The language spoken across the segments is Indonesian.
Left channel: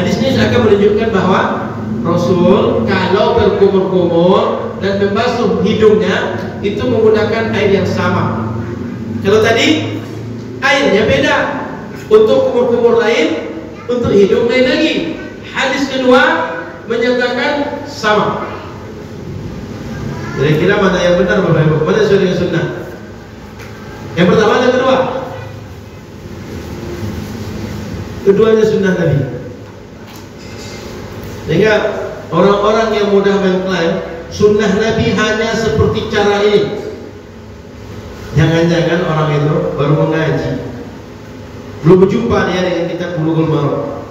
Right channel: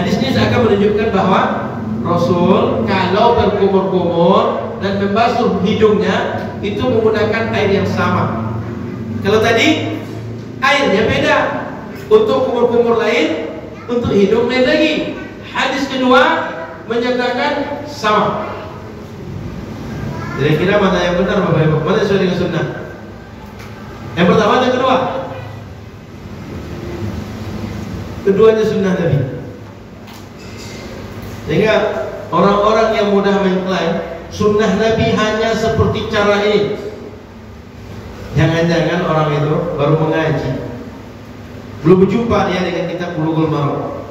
Hadis ini akan menunjukkan bahwa Rasul kalau berkumur-kumur dan membasuh hidungnya itu menggunakan air yang sama. Kalau tadi airnya beda, untuk kumur-kumur lain, untuk hidung lain lagi. Hadis kedua menyatakan sama. Kira-kira mana yang benar Bapak Ibu? Mana sesuai dengan sunnah? Yang pertama dan kedua? Keduanya sunnah Nabi. Sehingga orang-orang yang mudah mengklaim sunnah Nabi hanya seperti cara ini, jangan-jangan orang itu baru mengaji, belum berjumpa dia dengan kitab Bulughul Maram.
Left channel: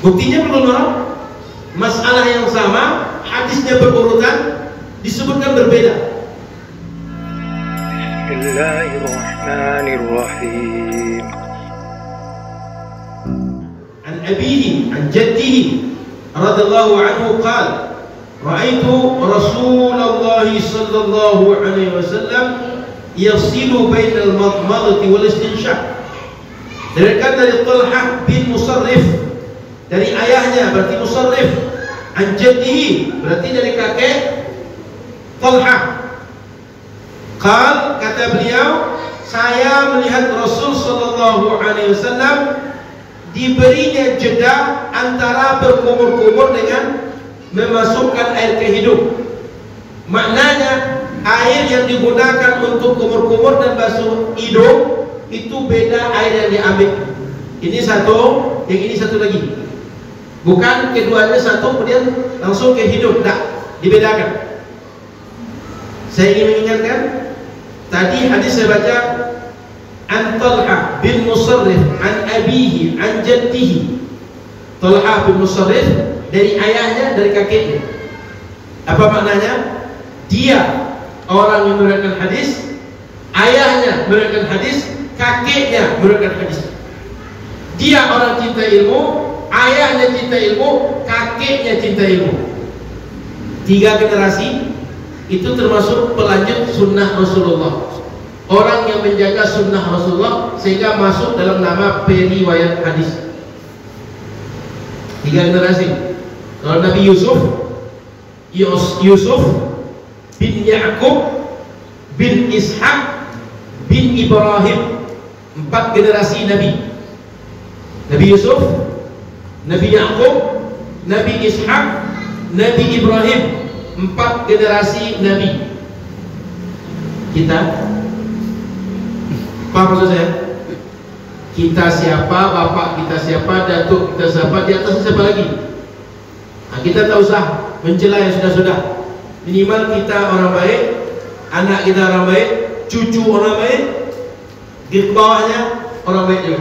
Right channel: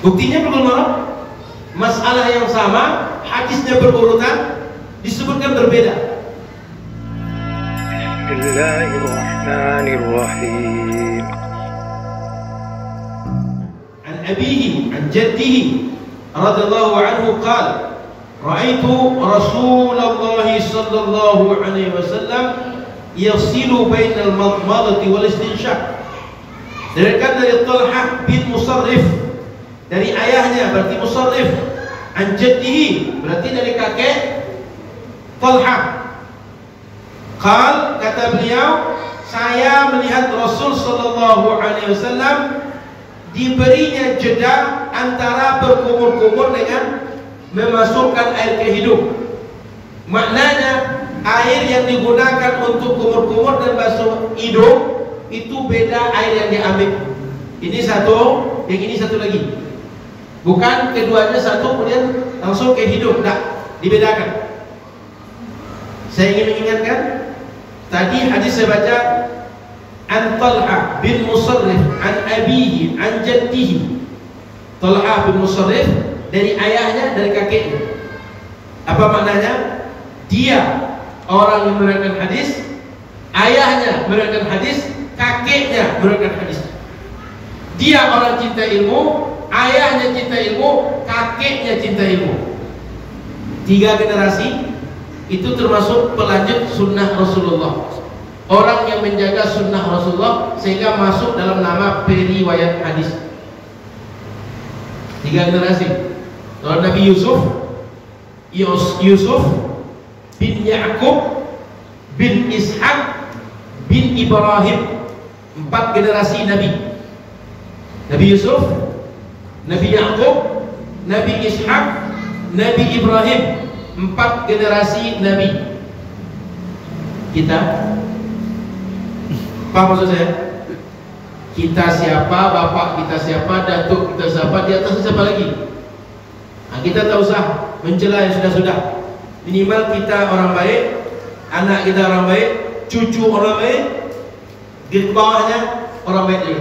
Buktinya Bulughul Maram, masalah yang sama, hadisnya berurutan, disebutkan berbeda. Bismillahirrahmanirrahim. An abihi, an jaddihi radhiyallahu anhu qala ra'aitu Rasulullah sallallahu alaihi wasallam yasilu bainal madmadati wal istinshaq. Dari Talhah bin Musarrif, dari ayahnya berarti Musarrif, an jaddihi berarti dari kakek Talhah. Kata beliau, saya melihat Rasul sallallahu alaihi wasallam diberinya jeda antara berkumur-kumur dengan memasukkan air ke hidung. Maknanya air yang digunakan untuk kumur-kumur dan basuh hidung itu beda air yang diambil. Ini satu, yang ini satu lagi. Bukan keduanya satu kemudian langsung ke hidung, tidak, dibedakan. Saya ingin mengingatkan, tadi hadis saya baca an Talhah bin Musarrif an abihi an jaddihi. Talhah bin Musarrif dari ayahnya, dari kakeknya. Apa maknanya? Dia orang yang meriwayatkan hadis, ayahnya meriwayatkan hadis, kakeknya meriwayatkan hadis. Dia orang cinta ilmu, ayahnya cinta ilmu, kakeknya cinta ilmu. 3 generasi itu termasuk pelanjut sunnah Rasulullah. Orang yang menjaga sunnah Rasulullah sehingga masuk dalam nama periwayat hadis. 3 generasi. Kalau Nabi Yusuf bin Ya'qub bin Ishaq bin Ibrahim, 4 generasi Nabi. Nabi Yusuf, Nabi Ya'qub, Nabi Ishaq, Nabi Ibrahim, 4 generasi Nabi. Kita, apa maksud saya? Kita siapa, bapak kita siapa, datuk kita siapa, di atasnya siapa lagi? Nah, kita tak usah mencela yang sudah-sudah. Minimal kita orang baik, anak kita orang baik, cucu orang baik, di bawahnya orang baik juga.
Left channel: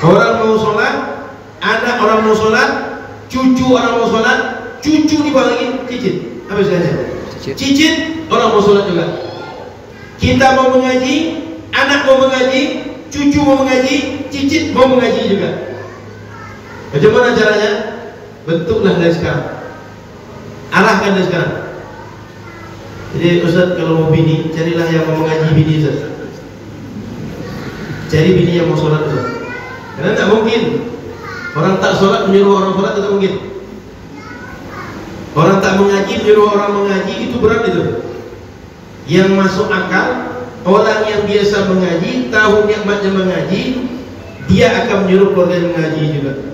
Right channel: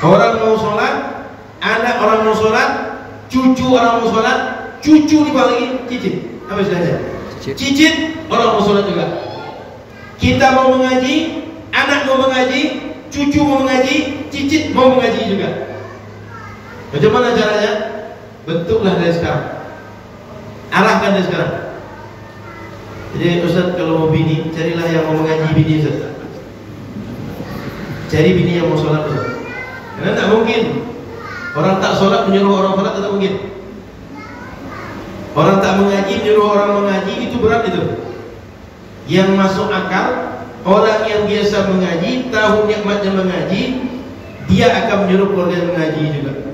Orang mau sholat, anak orang mau sholat, cucu orang mau sholat, cucu di bawah lagi cicit. Apa istilahnya? Cicit orang mau sholat juga. Kita mau mengaji, anak mau mengaji, cucu mau mengaji, cicit mau mengaji juga. Bagaimana caranya? Bentuklah dari sekarang, arahkan dari sekarang. Jadi Ustaz kalau mau bini, carilah yang mau mengaji bini Ustaz. Cari bini yang mau sholat Ustaz. Karena tak mungkin orang tak sholat menyuruh orang sholat, tak mungkin. Orang tak mengaji menyuruh orang mengaji, itu berat itu. Yang masuk akal, orang yang biasa mengaji, tahu nikmatnya mengaji, dia akan menyuruh keluarga mengaji juga.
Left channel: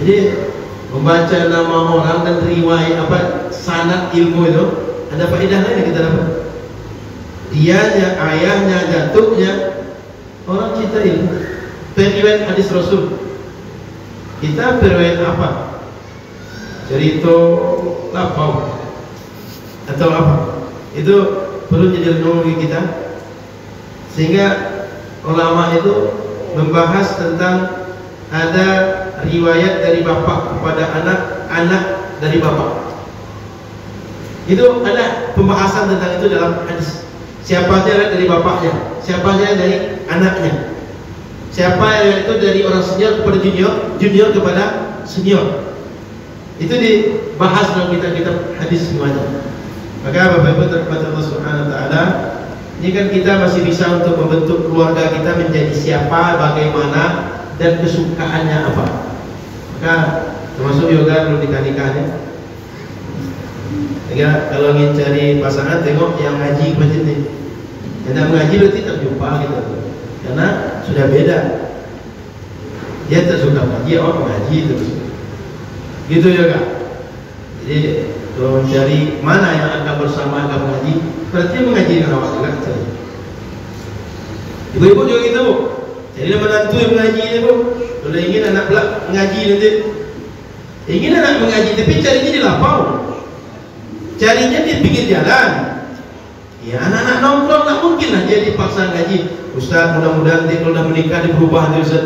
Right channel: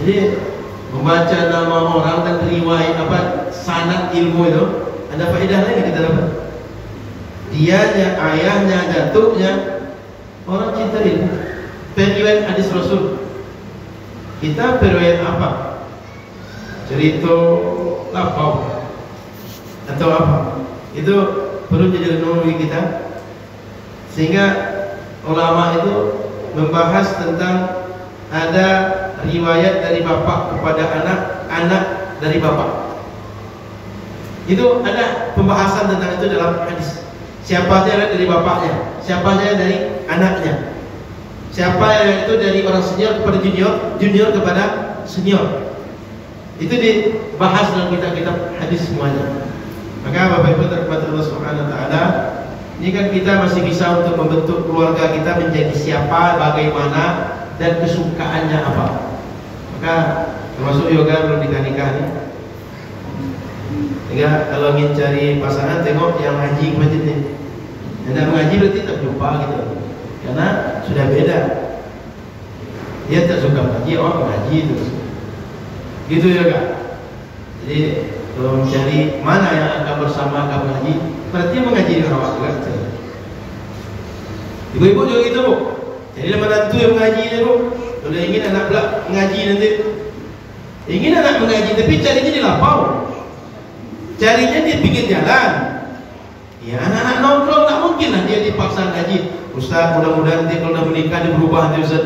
Jadi membaca nama orang dan riwayat sanad ilmu itu ada faedahnya yang kita dapat. Dianya, ayahnya, datuknya orang cinta ilmu. Periwayat hadis Rasul. Kita periwayat apa? Cerita lapau atau apa? Itu perlu jadi renungan bagi kita. Sehingga ulama itu membahas tentang ada riwayat dari bapak kepada anak, anak dari bapak. Itu ada pembahasan tentang itu dalam hadis. Siapa saja dari bapaknya, siapa saja dari anaknya, siapa yang itu dari orang senior kepada junior, junior kepada senior. Itu dibahas dalam kitab-kitab hadis semuanya. Maka Bapak Ibu terhormat Allah Subhanahu wa taala, ini kan kita masih bisa untuk membentuk keluarga kita menjadi siapa, bagaimana, dan kesukaannya apa. Maka termasuk yoga belum nikah nih. Ya, kalau ingin cari pasangan tengok yang ngaji macam ni. Yang ngaji berarti tak jumpa gitu. Karena sudah beda. Dia tak suka ngaji, orang mengaji terus. Gitu juga. Jadi kalau mencari mana yang akan bersama akan mengaji, berarti mengaji dengan awak juga. Ibu-ibu juga gitu bu. Jadi menantu yang mengaji ni bu. Kalau ingin anak pula mengaji nanti, ingin anak mengaji tapi carinya di lapau. Carinya di pinggir jalan. Ya anak-anak nongkrong tak mungkin lah dia dipaksa ngaji. Ustaz mudah-mudahan nanti kalau dah menikah dia berubah nanti Ustaz.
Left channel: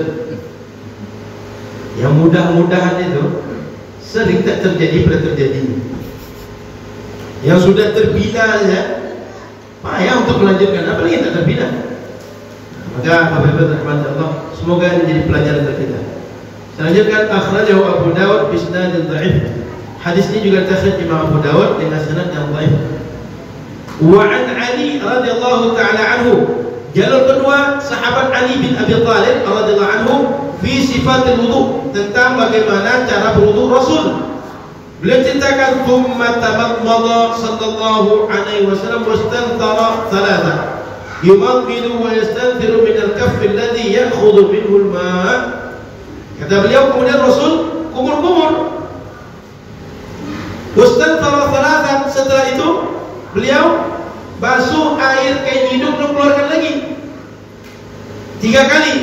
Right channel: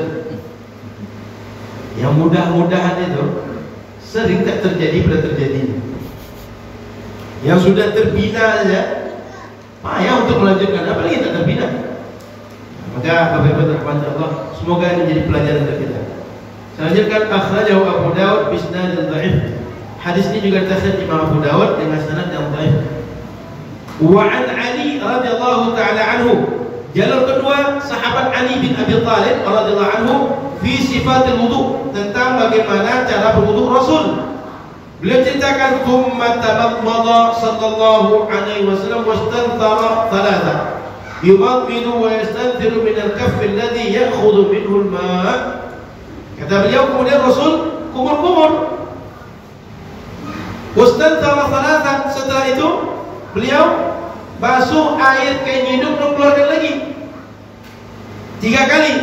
Yang mudah-mudahan itu sering tak terjadi pada terjadi. Yang sudah terbina saja payah untuk melanjutkan, apalagi tak terbina. Maka Bapak-bapak rahmat Allah, semoga ini menjadi pelajaran untuk kita. Selanjutnya akhrajahu Abu Dawud bi isnadin dhaif. Hadis ini juga terkait Imam Abu Dawud dengan sanad yang dhaif. Wa an Ali radhiyallahu taala anhu. Jalur kedua sahabat Ali bin Abi Thalib radhiyallahu anhu fi sifatil wudu, tentang bagaimana cara berwudu Rasul. Beliau ceritakan thumma tamadmada sallallahu alaihi wasallam wastanthara thalatha. Yumadmidu wa yastanziru min al-kaff alladhi ya'khudhu minhu al-ma'. Kata beliau kemudian Rasul kumur-kumur. Wastanthara thalatha, setelah itu beliau basuh air kain hidung dan keluarkan lagi 3 kali.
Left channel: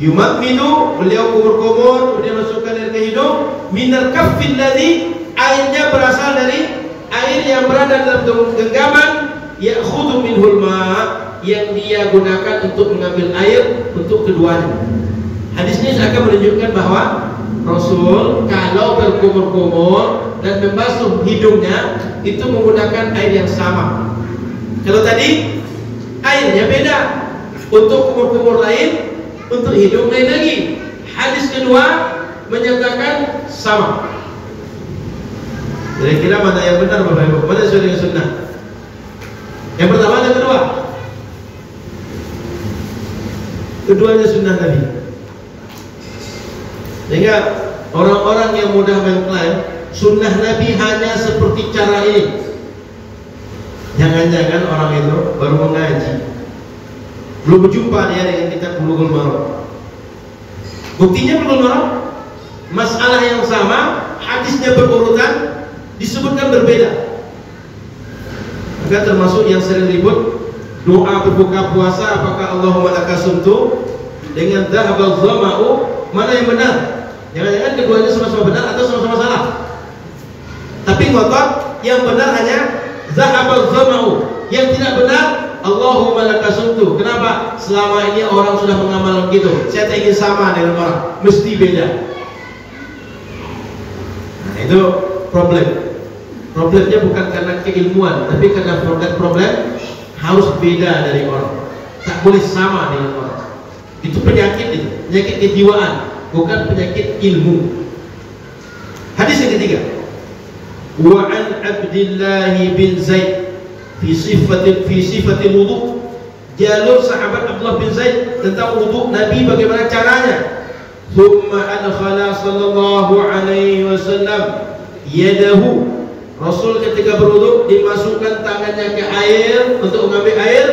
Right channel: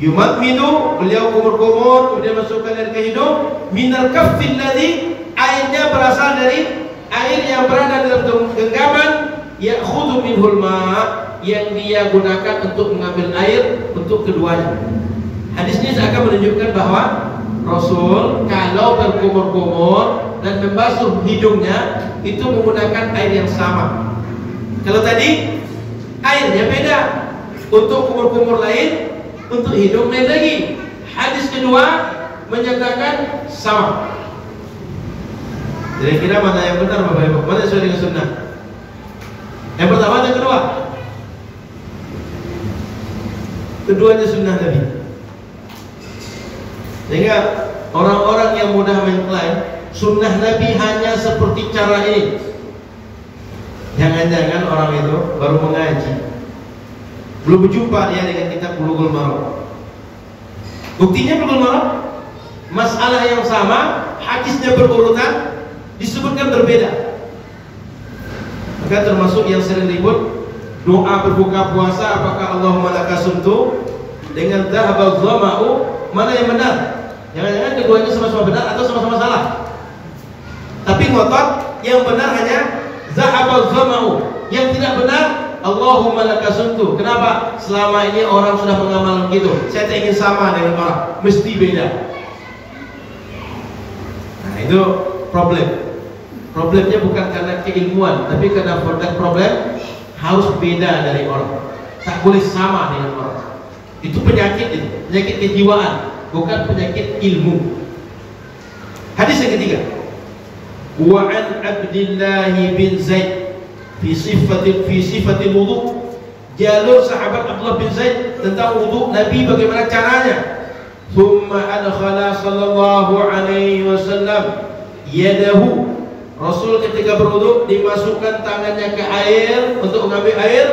Yumadmidu, beliau kumur-kumur, kemudian masukkan air ke hidung. Minal kaffil ladzi, airnya berasal dari air yang berada dalam genggaman. Ya'khudhu minhul ma', yang dia gunakan untuk mengambil air untuk keduanya. Hadis ini akan menunjukkan bahwa Rasul kalau berkumur-kumur dan membasuh hidungnya itu menggunakan air yang sama. Kalau tadi airnya beda, untuk kumur-kumur lain, untuk hidung lain lagi. Hadis kedua menyatakan sama. Kira-kira mana yang benar Bapak Ibu? Mana sesuai dengan sunnah? Yang pertama dan kedua? Keduanya sunnah Nabi. Sehingga orang-orang yang mudah mengklaim sunnah Nabi hanya seperti cara ini. Jangan-jangan orang itu baru mengaji, belum berjumpa dia dengan kitab Bulughul Maram. Buktinya Bulughul Maram, masalah yang sama, hadisnya berurutan, disebutkan berbeda. Maka termasuk yang sering ribut doa berbuka puasa, apakah Allahumma laka sumtu dengan dhahabal dhama'u, mana yang benar? Jangan-jangan keduanya sama-sama benar atau sama-sama salah. Tapi ngotot yang benar hanya dhahabal dhama'u, yang tidak benar Allahumma laka sumtu. Kenapa? Selama ini orang sudah mengamalkan gitu. Saya tak ingin sama dengan orang, mesti beda. Nah, itu problem. Problemnya bukan karena keilmuan, tapi karena problem harus beda dari orang. Tak boleh sama dengan orang. Itu penyakit kejiwaan, bukan penyakit ilmu. Hadis yang ketiga. Wa an Abdullah bin Zaid fi sifatil wudu. Jalur sahabat Abdullah bin Zaid tentang wudu Nabi, bagaimana caranya. Thumma adkhala sallallahu alaihi wasallam yadahu. Rasul ketika berwudu dimasukkan tangannya ke air untuk mengambil air.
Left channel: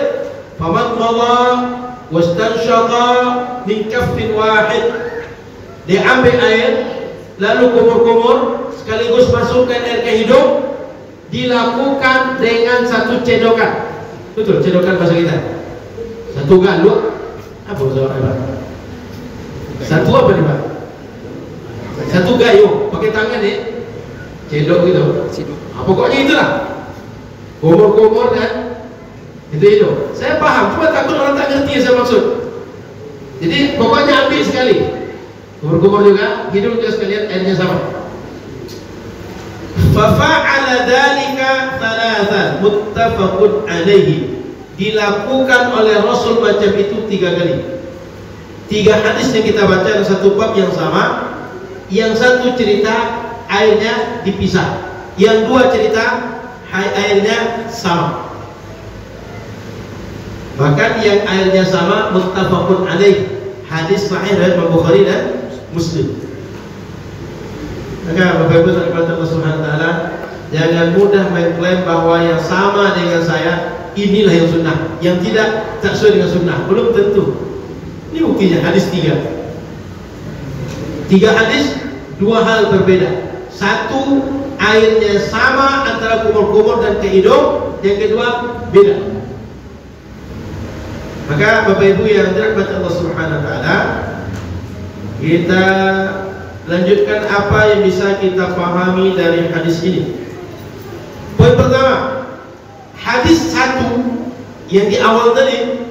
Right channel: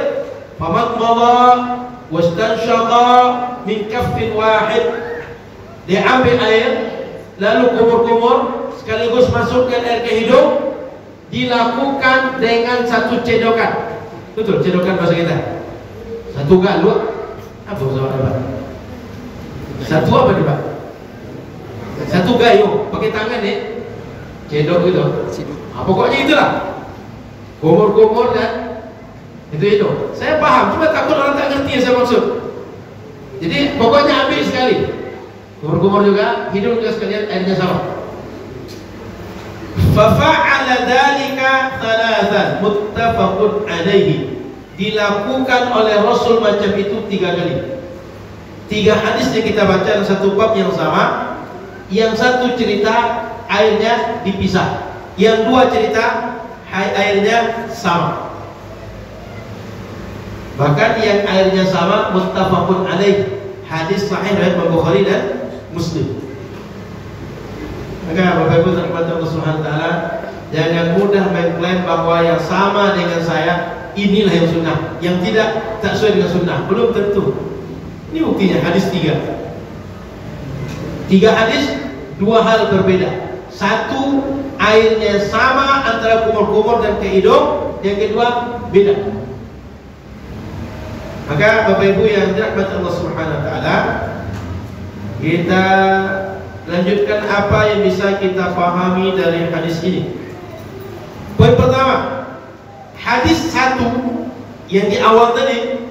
Famadmada wastanshaqa min kaffin wahid. Dia ambil air lalu kumur-kumur sekaligus masukkan air ke hidung. Dilakukan dengan satu cedokan. Betul, cedokan bahasa kita. Satu galuk. Apa bahasa apa? Satu apa nih Pak? Satu gayung pakai tangan nih. Cedok gitu. Pokoknya itulah. Kumur-kumur kan. Itu. Saya paham, cuma takut orang tak ngerti yang saya maksud. Jadi pokoknya ambil sekali. Kumur-kumur juga, hidung juga sekalian, airnya sama. Fafa'ala dzalika thalathan muttafaqun alaihi. Dilakukan oleh Rasul macam itu 3 kali. 3 hadis yang kita baca dalam satu bab yang sama. Yang satu cerita airnya dipisah, yang 2 cerita airnya sama. Bahkan yang airnya sama muttafaqun alaih, hadis sahih riwayat Bukhari dan Muslim. Maka Bapak Ibu terhormat Allah Subhanahu wa taala, jangan mudah mengklaim bahwa yang sama dengan saya inilah yang sunnah, yang tidak tak sesuai dengan sunnah. Belum tentu. Ini buktinya hadis 3 hadis, 2 hal berbeda. Satu, airnya sama antara kumur-kumur dan ke hidung. Yang kedua, beda. Maka Bapak Ibu yang dirahmati Allah Subhanahu wa taala, kita lanjutkan apa yang bisa kita pahami dari hadis ini. Poin pertama, hadis 1 yang di awal tadi,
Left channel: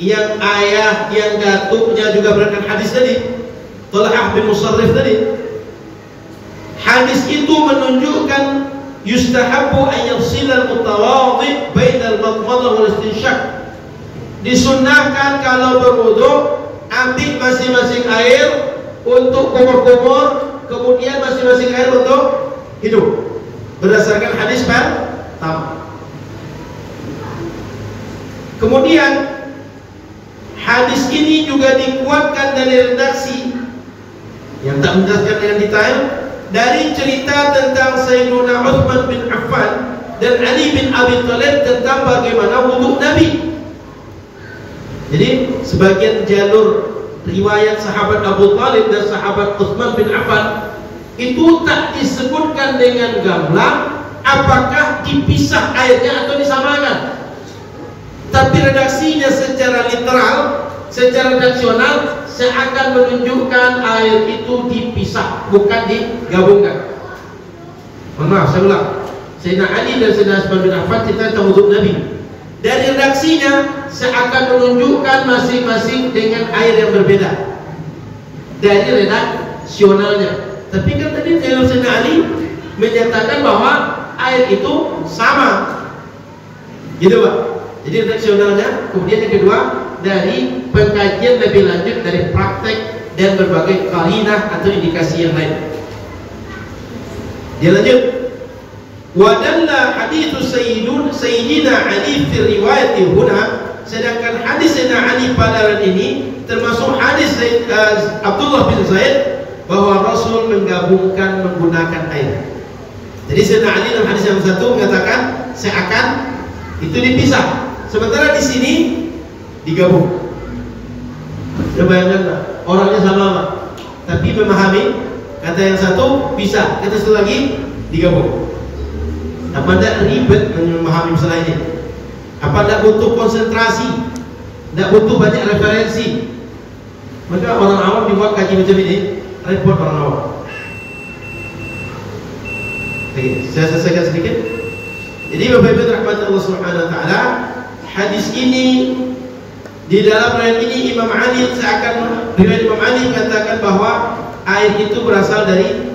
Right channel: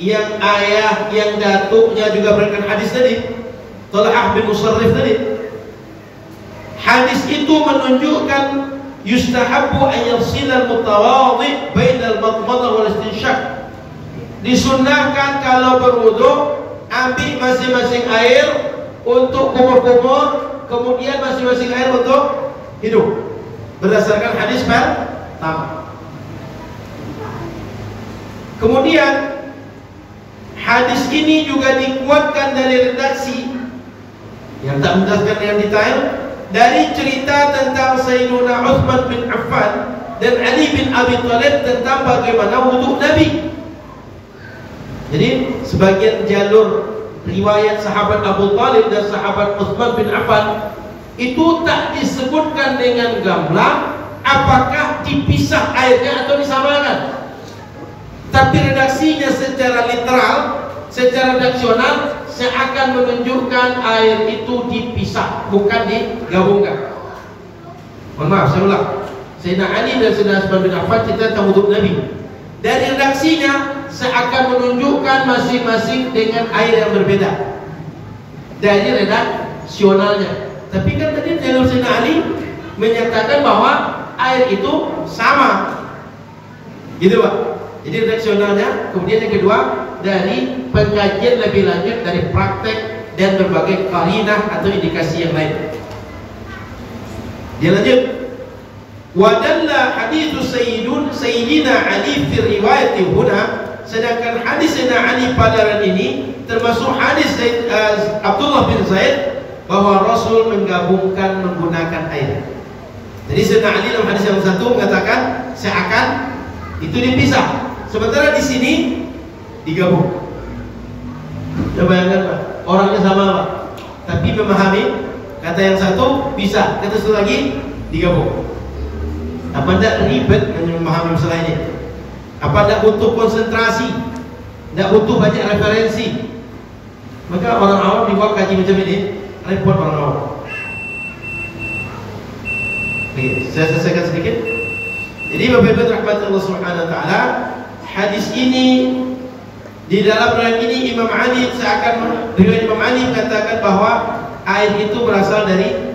yang ayah yang datuknya juga berdasarkan hadis tadi, Talhah bin Musarrif tadi. Hadis itu menunjukkan yustahabbu an yafsila al-mutawadhi bainal madmadah wal istinsyaq. Disunahkan kalau berwudu ambil masing-masing air untuk kumur-kumur, kemudian masing-masing air untuk hidung, berdasarkan hadis pertama. Kemudian hadis ini juga dikuatkan dari redaksi yang tak menjelaskan dengan detail dari cerita tentang Sayyiduna Utsman bin Affan dan Ali bin Abi Thalib tentang bagaimana wudu Nabi. Jadi sebagian jalur riwayat sahabat Abu Thalib dan sahabat Utsman bin Affan itu tak disebutkan dengan gamblang apakah dipisah airnya atau disamakan. Tapi redaksinya secara literal, secara redaksional seakan menunjukkan air itu dipisah, bukan digabungkan. Mohon maaf, saya ulang. Sayyidina Ali dan Sayyidina Utsman bin Affan cerita tentang wudu Nabi. Dari redaksinya seakan menunjukkan masing-masing dengan air yang berbeda dari redaksionalnya. Tapi kan tadi Sayyidina Ali menyatakan bahwa air itu sama, gitu Pak. Jadi redaksionalnya. Kemudian yang kedua, dari pengkajian lebih lanjut dari praktek dan berbagai qarinah atau indikasi yang lain. Dia lanjut, wadalla hadithu Sayyidina Ali fi riwayati huna. Sedangkan hadis Sayyidina Ali pada ini termasuk hadis Abdullah bin Zaid bahwa Rasul menggabungkan menggunakan air. Jadi Sayyidina Ali dalam hadis yang satu mengatakan seakan itu dipisah, sementara di sini digabung. Coba bayangkan Pak, orangnya sama Pak, tapi memahami kata yang satu bisa, kata satu lagi digabung. Apa tidak ribet memahami masalah ini? Apa tidak butuh konsentrasi? Tidak butuh banyak referensi? Maka orang awam dibuat kaji macam ini repot orang awam. Oke, saya selesaikan sedikit. Jadi Bapak Ibu rahmati Allah Subhanahu wa taala, hadis ini di dalam riwayat ini Imam Ali riwayat Imam Ali mengatakan bahwa air itu berasal dari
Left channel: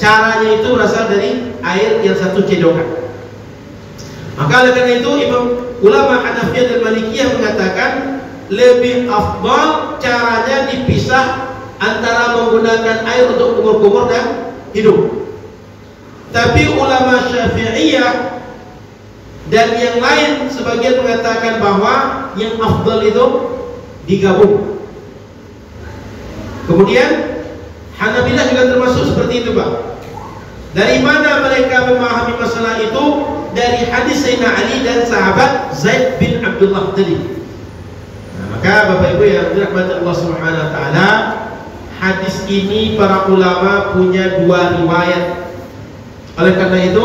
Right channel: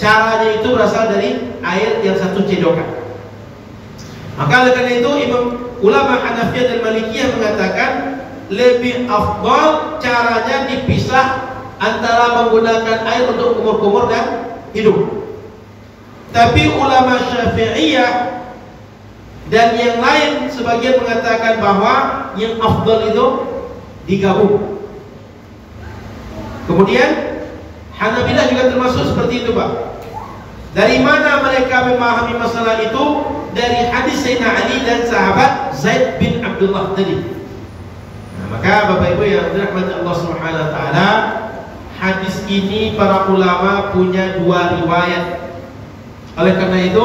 caranya itu berasal dari air yang satu cedokan. Maka oleh karena itu ulama Hanafiyah dan Malikiyah mengatakan lebih afdal caranya dipisah antara menggunakan air untuk kumur-kumur dan hidung. Tapi ulama Syafi'iyah dan yang lain sebagian mengatakan bahwa yang afdal itu digabung. Kemudian Hanabilah juga termasuk seperti itu Pak. Dari mana mereka memahami masalah itu? Dari hadis Sayyidina Ali dan sahabat Zaid bin Abdullah tadi. Maka Bapak Ibu yang dirahmati Allah Subhanahu wa taala, hadis ini para ulama punya 2 riwayat. Oleh karena itu,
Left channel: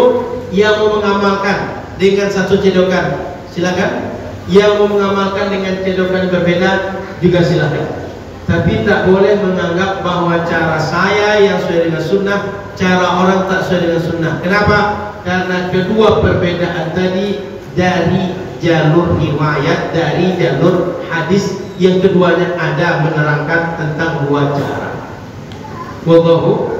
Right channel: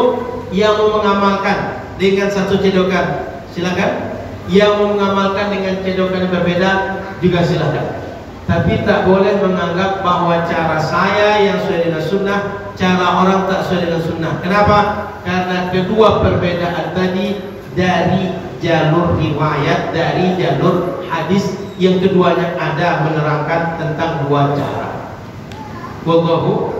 yang mau mengamalkan dengan satu cedokan silakan, yang mau mengamalkan dengan cedokan berbeda juga silakan. Tapi tak boleh menganggap bahwa cara saya yang sesuai dengan sunnah, cara orang tak sesuai dengan sunnah. Kenapa? Karena kedua perbedaan tadi dari jalur riwayat, dari jalur hadis yang keduanya ada menerangkan tentang 2 cara. Wallahu